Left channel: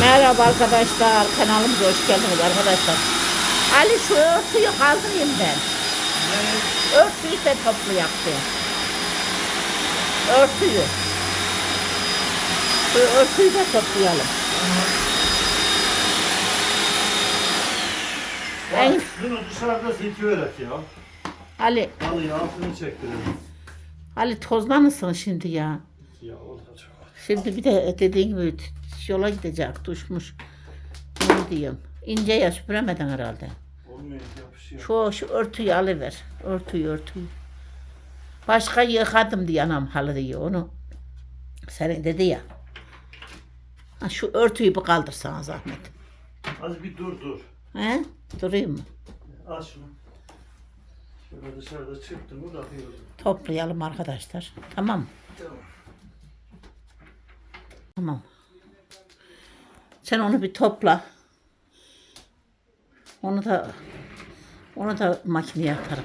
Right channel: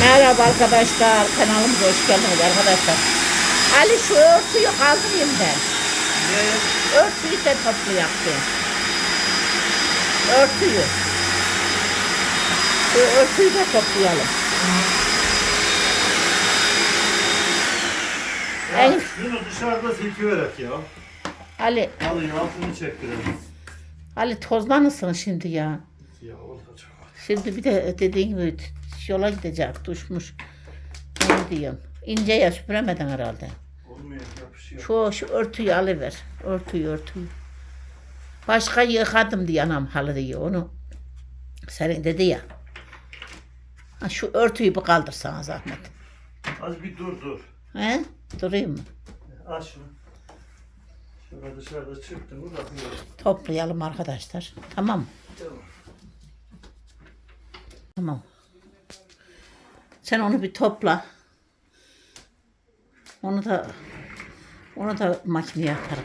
Merhaba arkadaşlar. Kanalımıza hoş geldiniz arkadaşlar. Ali şu örtüyü kaldırayım ben. Örtüyü de toplayak ben. Örtüyü. Şu örtüyü de toplayalım. En, Bunu dışarıda silkiverek ya. Ali, Alın altını çektirelim. Ali tozlanırsın şimdi ya. Ya. Şimdi bir de dediğin gibi yola gidecek, düşmüş. Ne diyeyim? İnce ya süpüremedin herhalde. Olmuyor yapışıyor. Şu, şu örtüyü alıver. Örtüyü örtüyü. Başka yıkadım diye anam halı diye onu. Senin dedi ya. Ha, şu örtüyü bir kaldırsana zahmet. Az bir dur dur. He? Durayım mı? Aç şunu. Şurada dışarıda bırakıyorum. Toplayalım arkadaşlar. Tamam mı? Tamam. Tamam. Sen onu bir topla. Onu da onu da makineye atarım.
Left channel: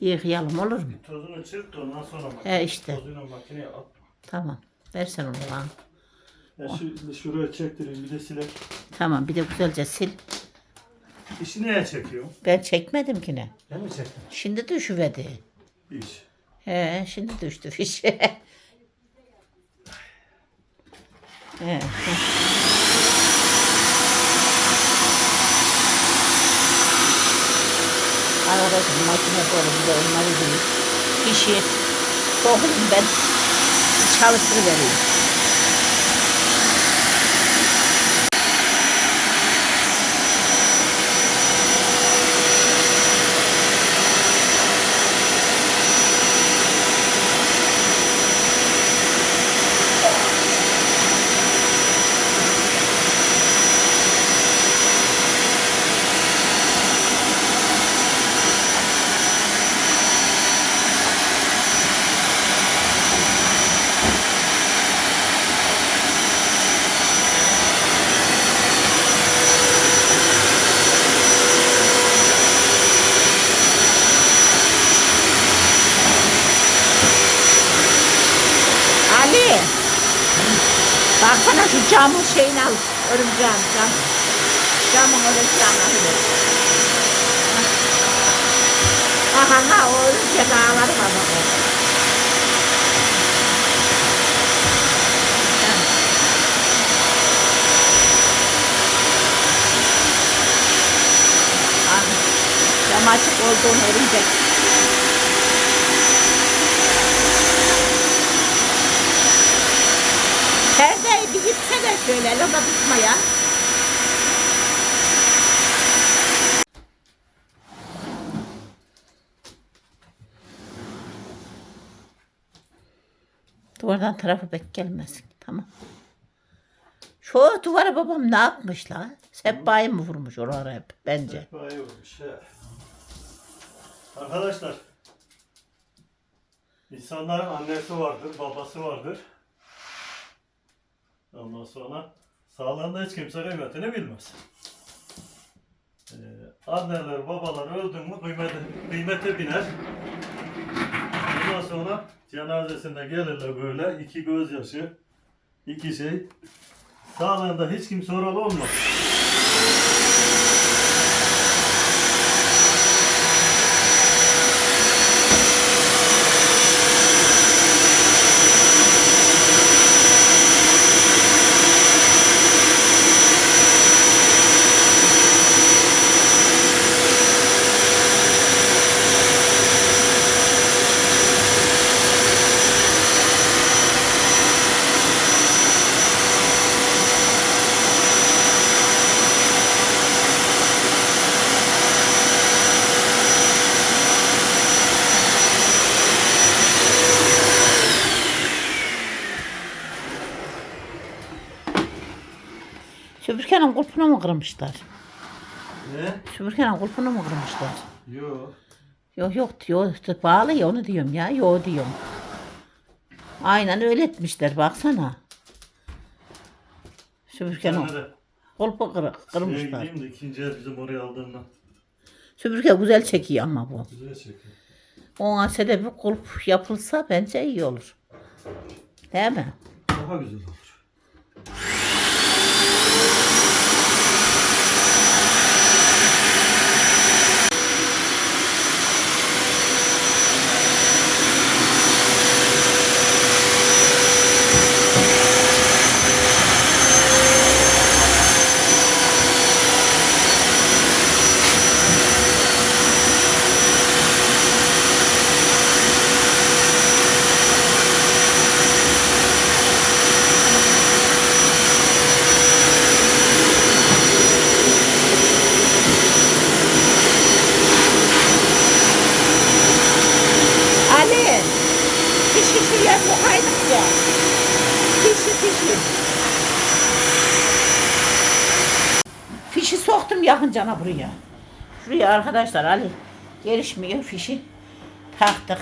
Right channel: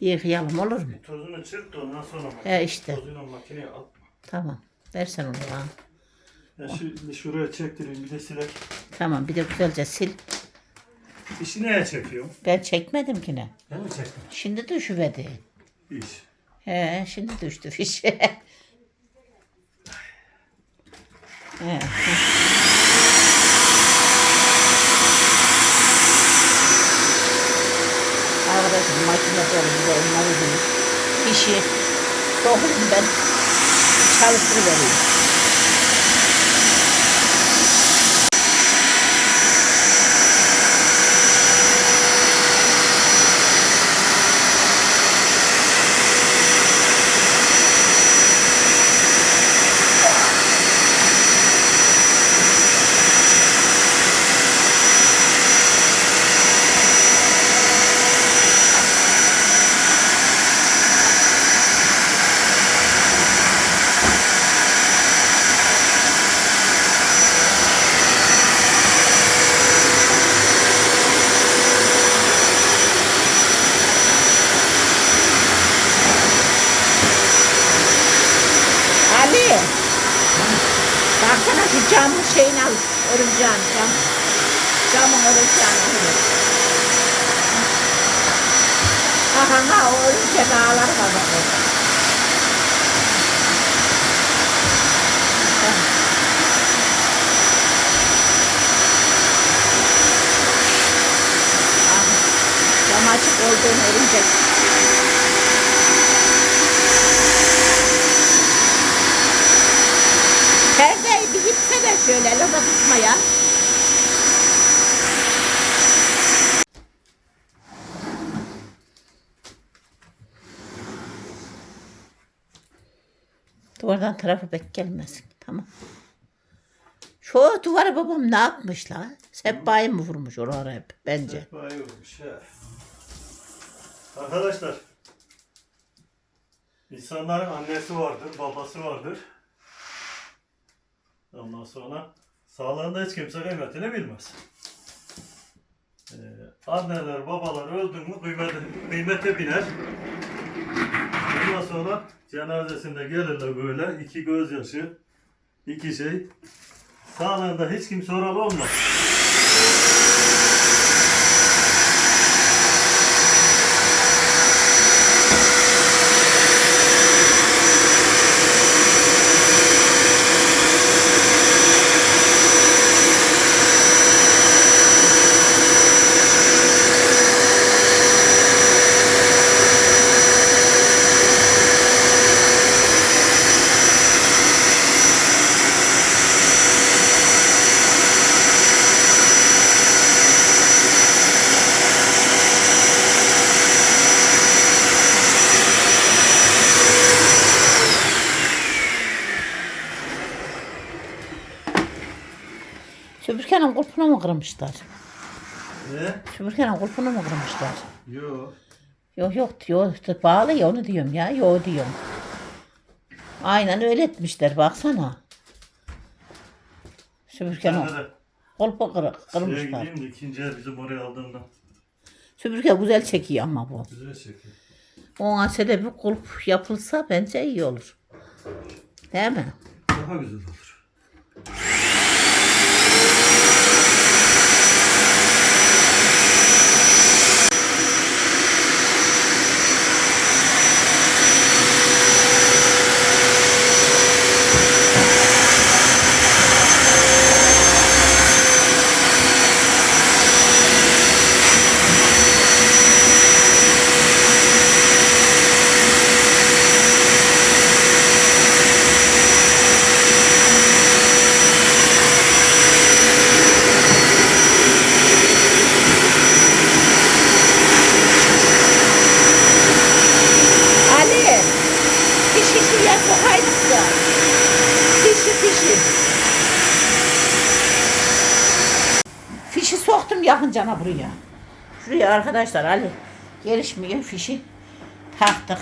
Yıkayalım olur mu? Tozunu çırt da ondan sonra bak. He işte. Tozunu makineye atma. Tamam. Versen onu bana. Ya şu, şuraya çektireyim bir de silek. Tamam bir de güzelce sil. İşi neye çekiyorum? Ben çekmedim ki ne. Ben mi çektim? Şimdi düşüverdi. İş. He şimdi düştü fiş. He. Arkadaşım makine dolu bir de onları değil. Fişi soğuyayım ben çalıştırıvereyim. Ali. Baksana şu camın şeyini al. Örümceğin cam. Camın örümceğini al. Aha ha o örümcek ağları var bak Cam açık olduğunu örümcek. Perdeyi bir gitse de şöyle lada tutmaya. Duvardan tarafı pek gelmesin. Tamam. Şu duvara babam ne yapmış la? Sebba'yı mı vurmuş oralara hep bence. Vay olmuş he. Arkadaşlar. İnsanların annesi vardır, babası vardır. Ondan sonra sağlığında hiç kimse kıymetini bilmez. Ee, anneler, babalar öldü mü kıymete, kıymete biner. Ondan sonra cenazesinde gelirler böyle iki gözyaşı, iki şey. Sağlığında hiç kimse oralı olmaz. Süpürgenin kulpunu mu kırmışlar? Ne? Süpürgenin kulpunu mu kırmışlar? Yok. Yok yok diyor. Bağlı ya onu diyorum ya. Yok diyorum. Aynen öyle etmişler baksana. Süpürgenin kulpu kırık, kırmışlar. Sevgiliyim de ikinci el bizim oraya aldığımda. Süpürge güzel çekiyor ama bu. Güzel çekiyor. Ona bir kulp yapılsa bence iyi olur. Değil mi? Daha güzel olur. Yakın cana buraya. Şuraya arkadaşlar Ali gelişmiyor fişi taktık.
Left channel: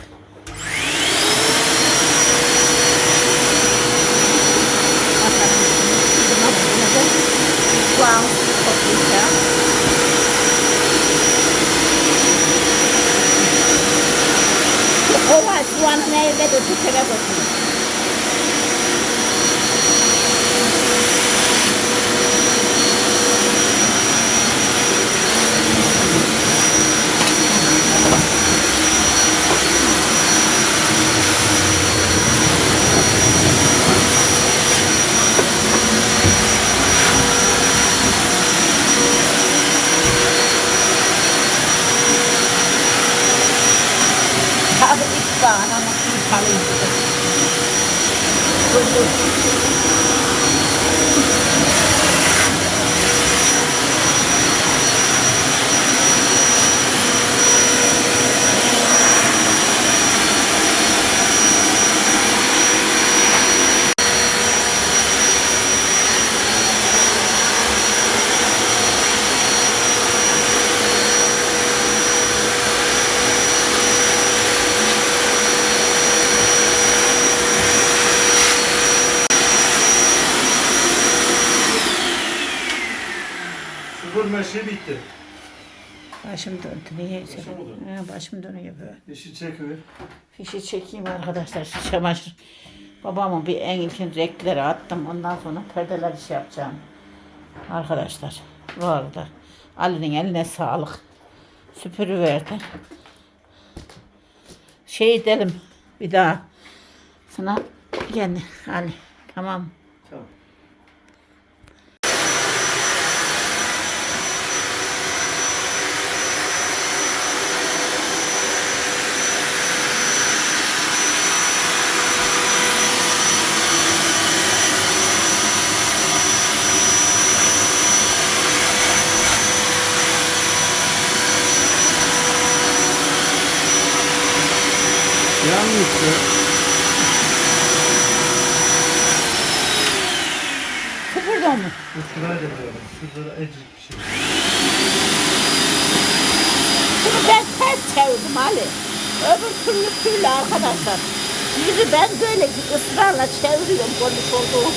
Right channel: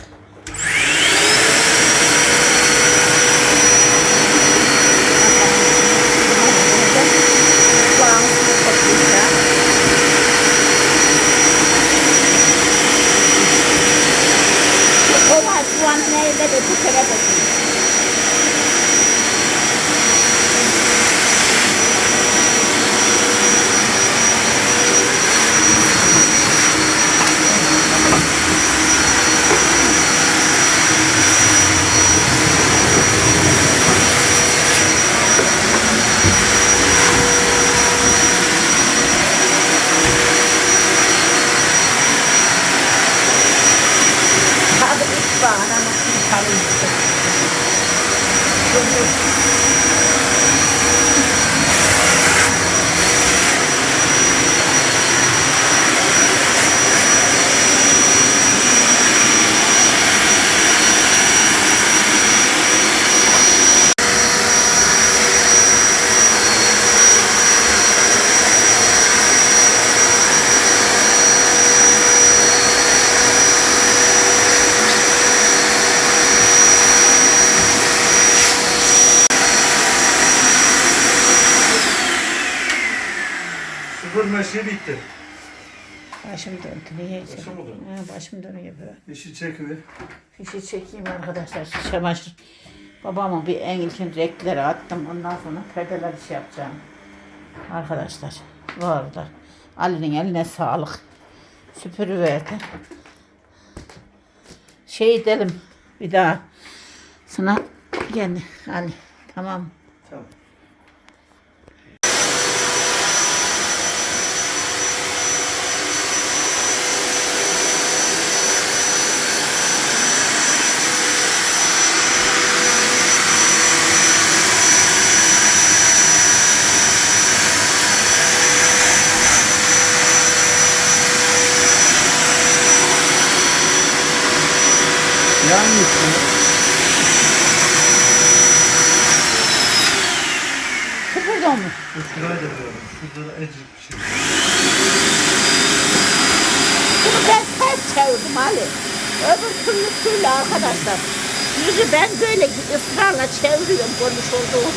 Kova soğanı nerede de bu kere Nakabukit pa. Nakabukit pa rin. Good. Sıfır meşe bitti. Başım döndü. Niyeyse. Başım mı döndü? Ha, başım dönüyor böyle. İşi çekiver. Fişi çekeyim arkadaşlar. Şu çamaşır. Babamın bir en ilkin renkleri attım. Ondan sonra perdeler iş yapacağım. Arkadaşlar. Bu arada Ali'nin eline sağlık. Süpürüverdi. Şey edelim bir daha. Sana gel Ali. Tamam. Tamam. Süpürdü mü? Üç lirayı da veriyorum. Şurada da ecik bir şey. Bunu ben ters çevirdim Ali. Öbür türlü türlü arkadaşlar. Yüzü ben böyle ısrarla çeviriyorum konmuş olduğum.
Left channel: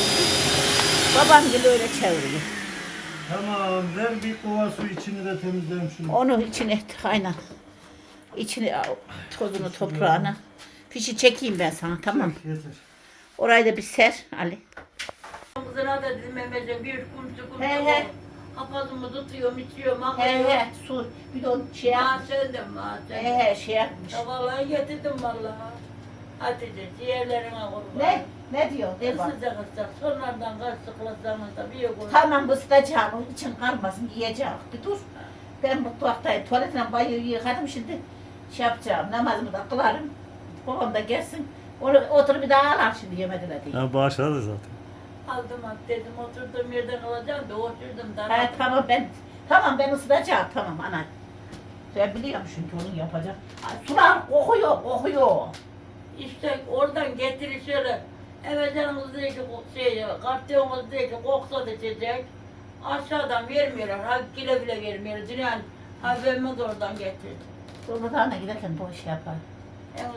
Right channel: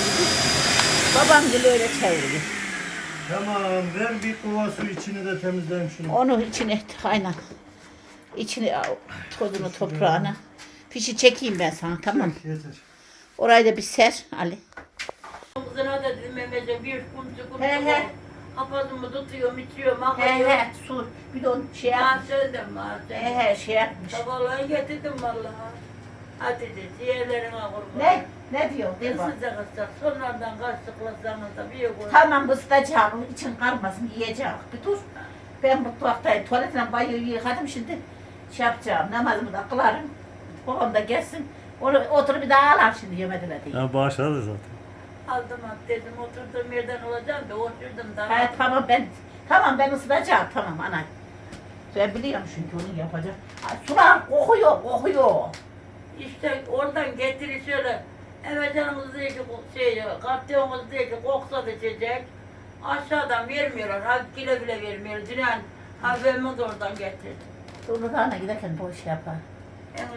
Babam gibi öyle çeviriyor. Tamam ver bir kova su içini de temizleyelim şunu. Onu içine aynen. İçine al, tozunu toprağını. Fişi çekeyim ben sana tamam. Yeter. Orayı da bir ser Ali. Kızına da dedim Mehmet'e bir kumsu kumsu. He, he. Kafasımı tutuyorum, içiyorum, He akıyor. he su bir de onu şey yap. Ha söndüm ha He he şey yapmış. Vallahi getirdim vallahi. Hadi de ciğerlerime kurban. Ne? Ne diyor? De bak. Isıcak ısıcak. Sonradan kastıklasanız da bir yok. Tamam ısıtacağım. için kalmasın yiyeceğim. Bir dur. Ben mutfaktayım. Tuvaletine banyoyu yıkadım şimdi. Şey yapacağım. Namazımı da kılarım. Babam da gelsin. Onu oturup bir daha alar şimdi yemediler diye. Ya bağışladı zaten. Aldım at dedim oturduğum yerden alacağım da oturdum da. Ha, tamam ben tamam ben ısıtacağım tamam ana. Ben biliyorum çünkü onu yapacak. Ha, Sular kokuyor kokuyor. İşte oradan getiri şöyle. Eve canımız diyor ki şey, kartiyonumuz diyor ki koksa da içecek. Aşağıdan vermiyorlar. Ha bile bile vermiyorlar. Dünyan haberimiz oradan getirdi. Sonra giderken bu iş yapar. En